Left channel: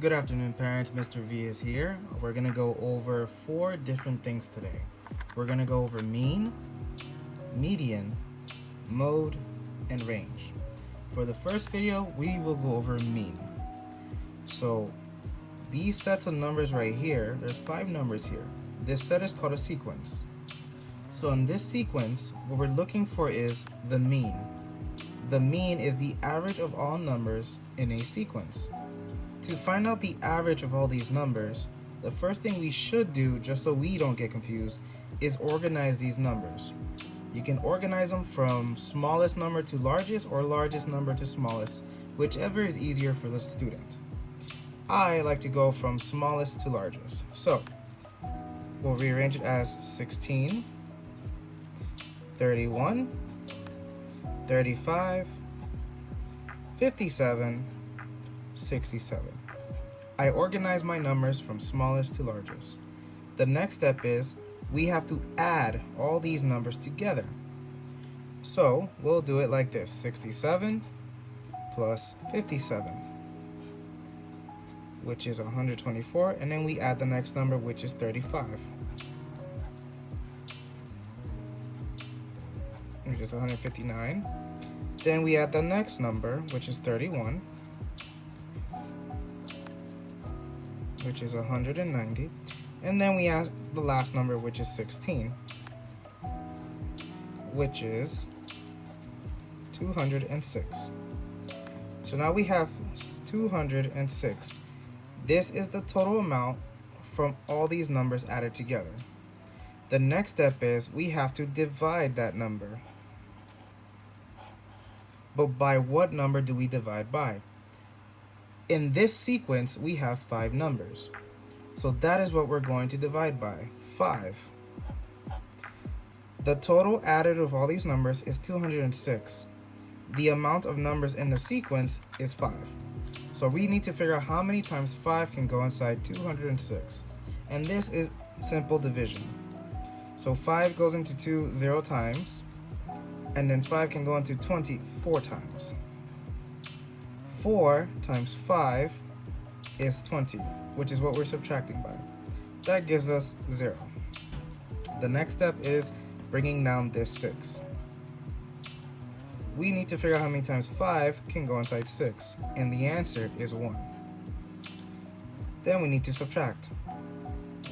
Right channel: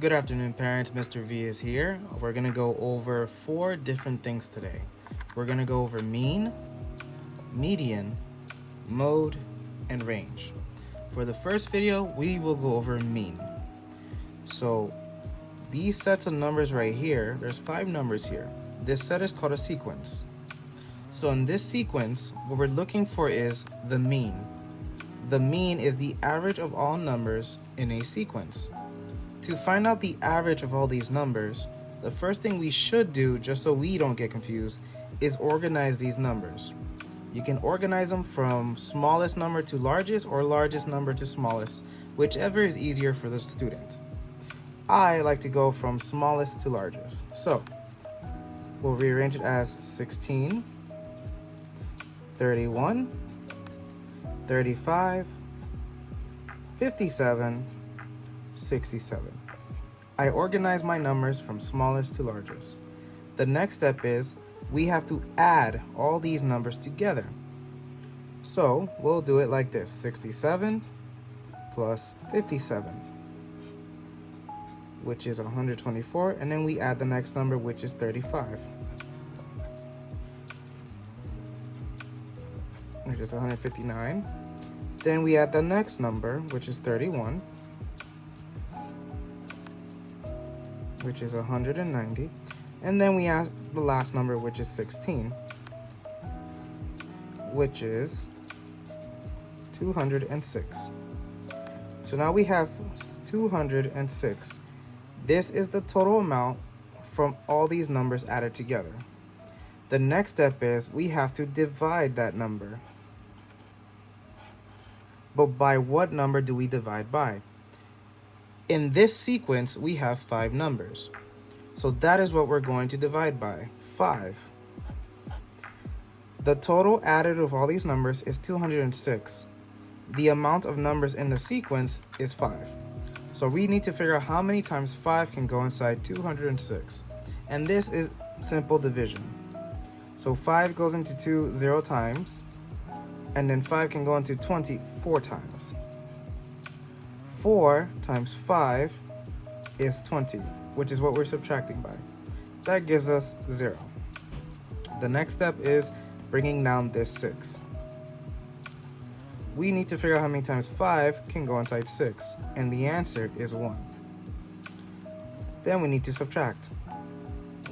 Good afternoon, parents. Mr. V is here. We're going to go over 4 different things today. We're going to go over mean, median, mode, and range. For the first video, we will go over mean. So these sets of numbers right here, there's 5 numbers here. This set is called a sequence. So in this sequence, what we're looking for is the mean. The mean is the average of all numbers in a sequence. To find out the average of all these numbers, the first thing we should do, just so we don't get confused, is organize these numbers. You can organize them from smallest number to largest or largest number to smallest, whichever is easier for the student. I like to go from smallest to largest. So we'll rearrange it as 16, 31, 35, 57, 67. I organize my numbers from smallest to largest. The next step is we have to add all these numbers together. So we'll do it like this: 67 plus 57, which is 124, and then we add the next number, which is 35, which is 159. Then we add the next number, which is 31, which is 190, and then we add the last number, which is 16, which is 206. So now we have 206. This is the total amount from all these numbers added together. The next step is we have to divide that number. But by what number do we divide by? In this sequence, we have 5 numbers. So that is what we're going to divide by, 5. The total added of all these numbers is 206. The amount of numbers in the sequence is 5. So we need to figure out how many times 5 can go inside 206. And this is simple division. So 5 goes into 2 0 times, and then 5 can go into 20 4 times. 4 times 5 is 20, which is what we're subtracting by. That gives us 0. The next step is bringing down this 6. We need to figure out how many times 5 can go inside 6, and the answer is 1. Then we need to subtract.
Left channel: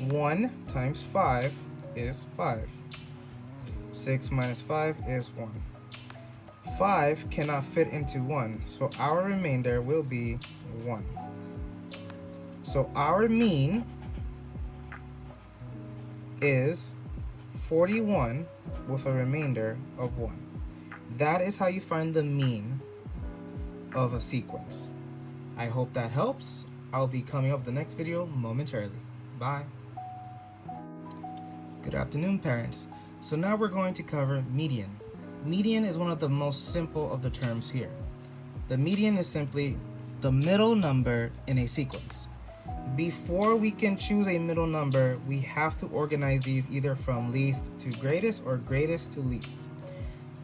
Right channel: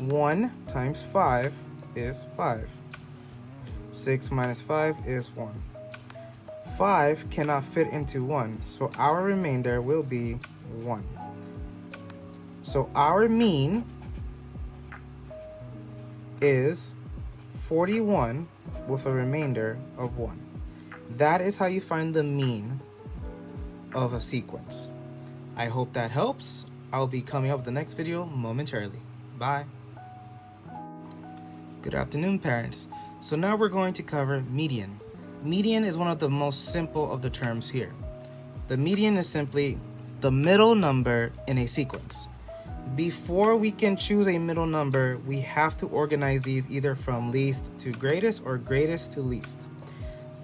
1 times 5 is 5. 6 minus 5 is 1. 5 cannot fit into 1, so our remainder will be 1. So our mean is 41 with a remainder of 1. That is how you find the mean of a sequence. I hope that helps. I'll be coming up with the next video momentarily. Bye. Good afternoon, parents. So now we're going to cover median. Median is one of the most simple of the terms here. The median is simply the middle number in a sequence. Before we can choose a middle number, we have to organize these either from least to greatest or greatest to least.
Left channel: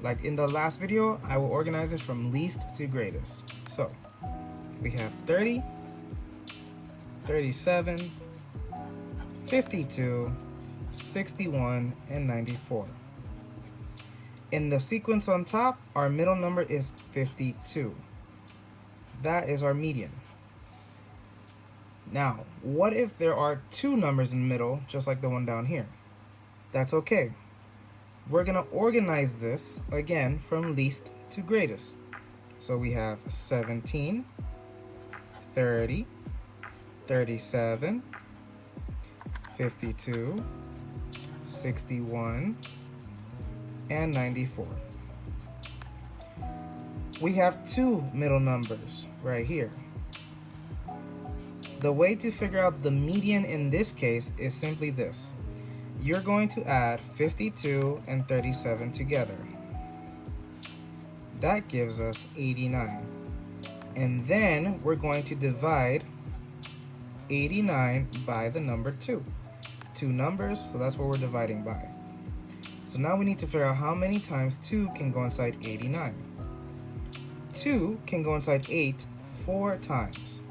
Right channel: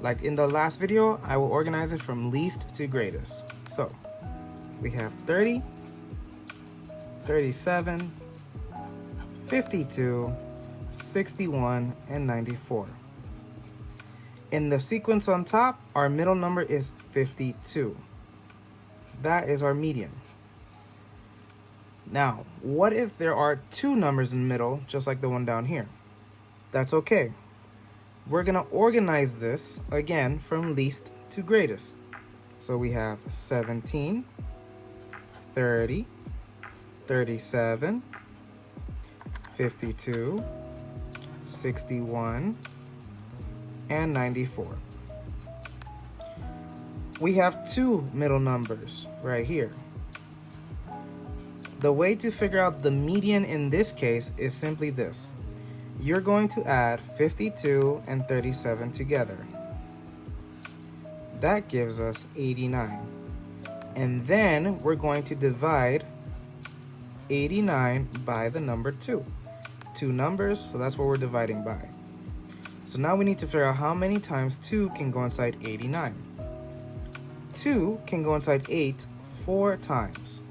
Like in the last video, I will organize it from least to greatest. So we have 30, 37, 52, 61, and 94. In the sequence on top, our middle number is 52. That is our median. Now, what if there are 2 numbers in the middle, just like the one down here? That's okay. We're going to organize this, again, from least to greatest. So we have 17, 30, 37, 52, 61, and 94. We have 2 middle numbers right here. The way to figure out the median in this case is simply this. You're going to add 52 and 37 together. That gives us 89. And then we're going to divide 89 by the number 2. 2 numbers, so that's what we're dividing by. So now we need to figure out how many times 2 can go inside 89. 2 can go inside 8 4 times.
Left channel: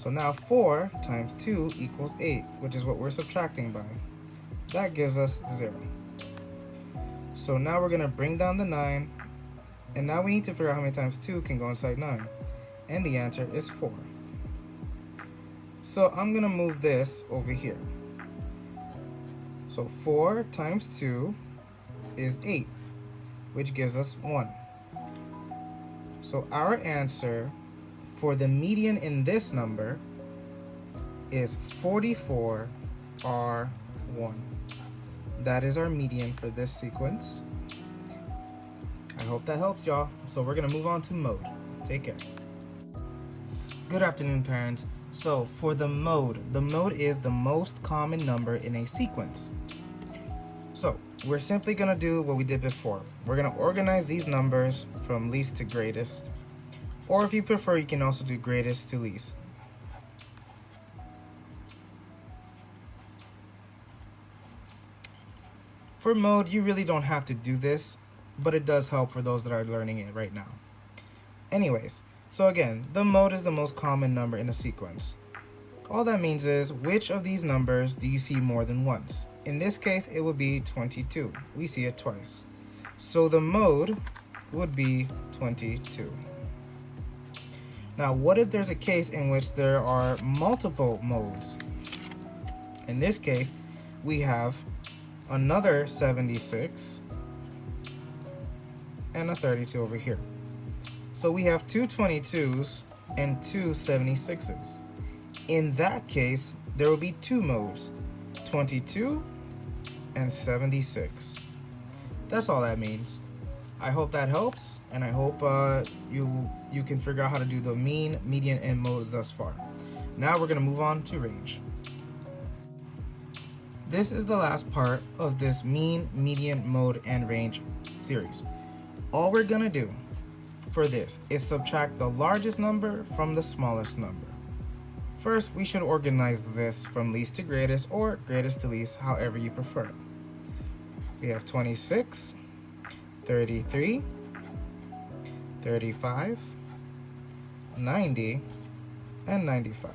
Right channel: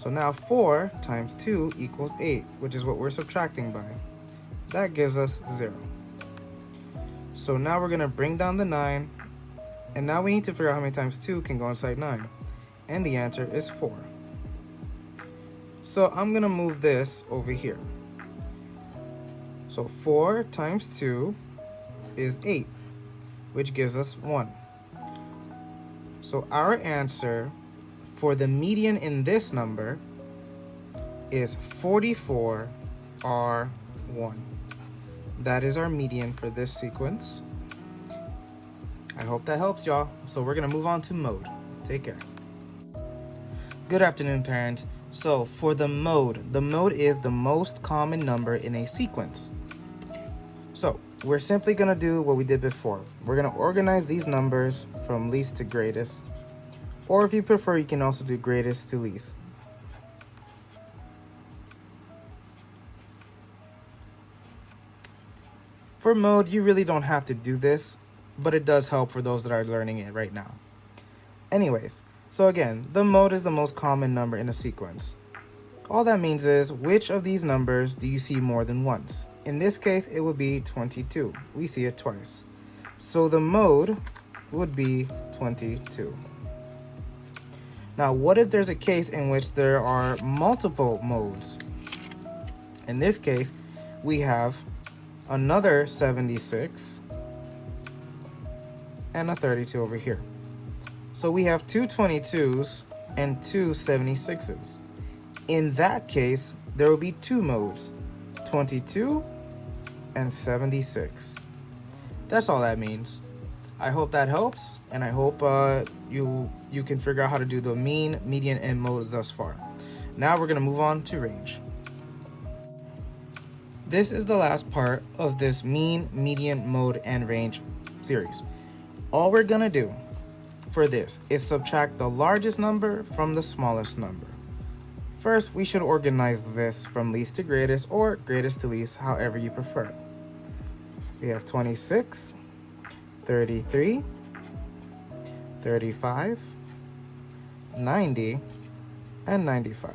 So now 4 times 2 equals 8, which is what we're subtracting by. That gives us 0. So now we're going to bring down the 9, and now we need to figure out how many times 2 can go inside 9. And the answer is 4. So I'm going to move this over here. So 4 times 2 is 8, which gives us 1. So our answer for the median in this number is 44R1. That is our median for this sequence. I hope that helps y'all. So we're gonna move on to mode. Take care. Good afternoon, parents. So for the mode is the most common number in a sequence. So we're simply gonna do what we did before. We're gonna organize these numbers from least to greatest. Or if you prefer, you can also do greatest to least. For mode, you really don't have to do this, but it does help for those that are learning it right now. Anyways, so again, the mode is the most common number in a sequence. All that means is, which of these numbers do you see more than once? In this case, it would be 22. We see it twice. So the mode would be 22. Now, what if there's a case in which there are multiple modes? In this case, we have another 76 and a 32 over here. So we have two 22s and two 76s. In that case, there will be two modes, 22 and 76. That's all that means. I hope that helps, and I hope you can figure out how to do the mean, median, and mode thus far. Now we're gonna move on to range. This is the last part of this mean, median, mode, and range series. All we're gonna do for this is subtract the largest number from the smallest number. First, we should organize this from least to greatest or greatest to least, however you prefer. We have 26, 33, 35, 90, and 95.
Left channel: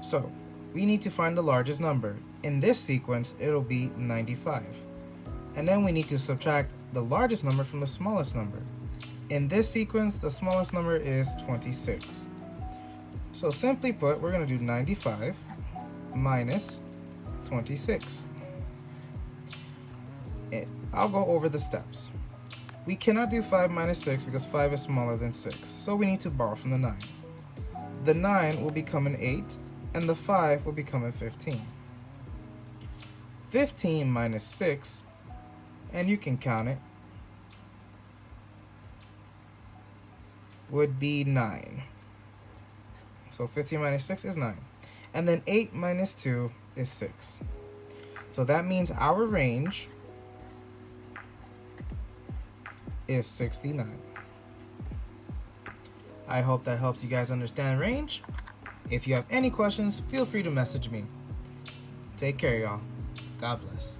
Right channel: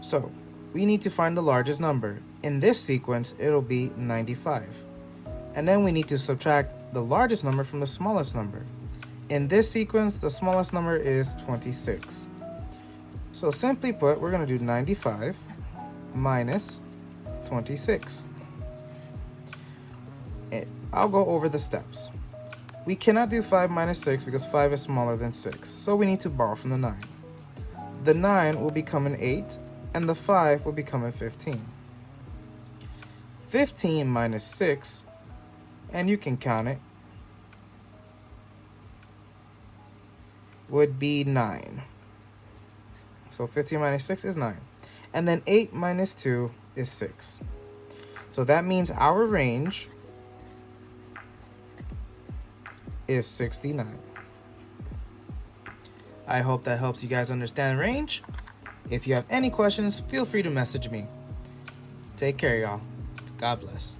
So we need to find the largest number. In this sequence, it'll be 95. And then we need to subtract the largest number from the smallest number. In this sequence, the smallest number is 26. So simply put, we're going to do 95 minus 26. I'll go over the steps. We cannot do 5 minus 6 because 5 is smaller than 6. So we need to borrow from the 9. The 9 will become an 8, and the 5 will become a 15. 15 minus 6, and you can count it, would be 9. So 15 minus 6 is 9. And then 8 minus 2 is 6. So that means our range is 69. I hope that helps you guys understand range. If you have any questions, feel free to message me. Take care, y'all. God bless.